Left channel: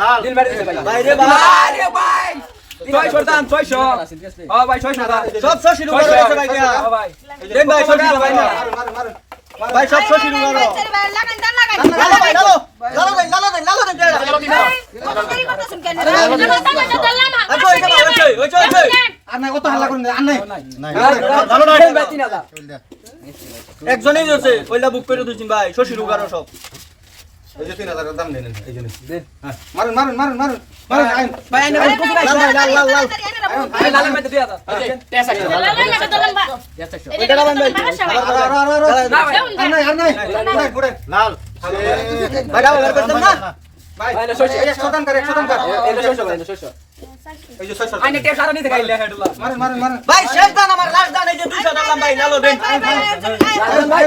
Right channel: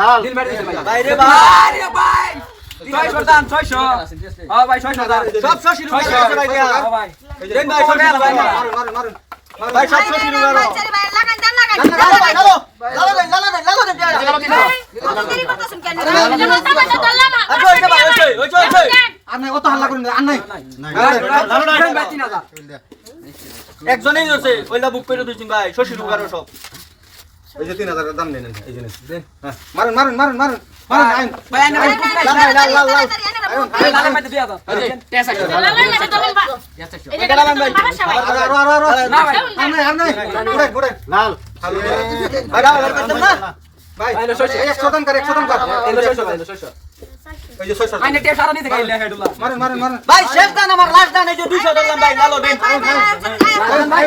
লাল নীল ভাই বাইরে বাইরে ভাই একজনেই বুক করে দুই দিন ভাই শশীর উগারো সব एज 3000 को दाम नै न निजने दे ह मारन मारन मारन मारन मारन आयन बायन लाल लाल लाल लाल लाल लाल लाल लाल पैसा छ लाल लाल लाल लाल पैसा छ एटा ला बन्द भाइ भाइ भाइ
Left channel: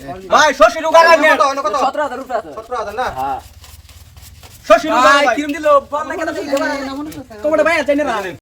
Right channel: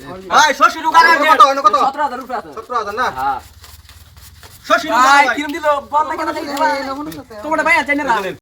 सत्र हजार भइहाल्छ नि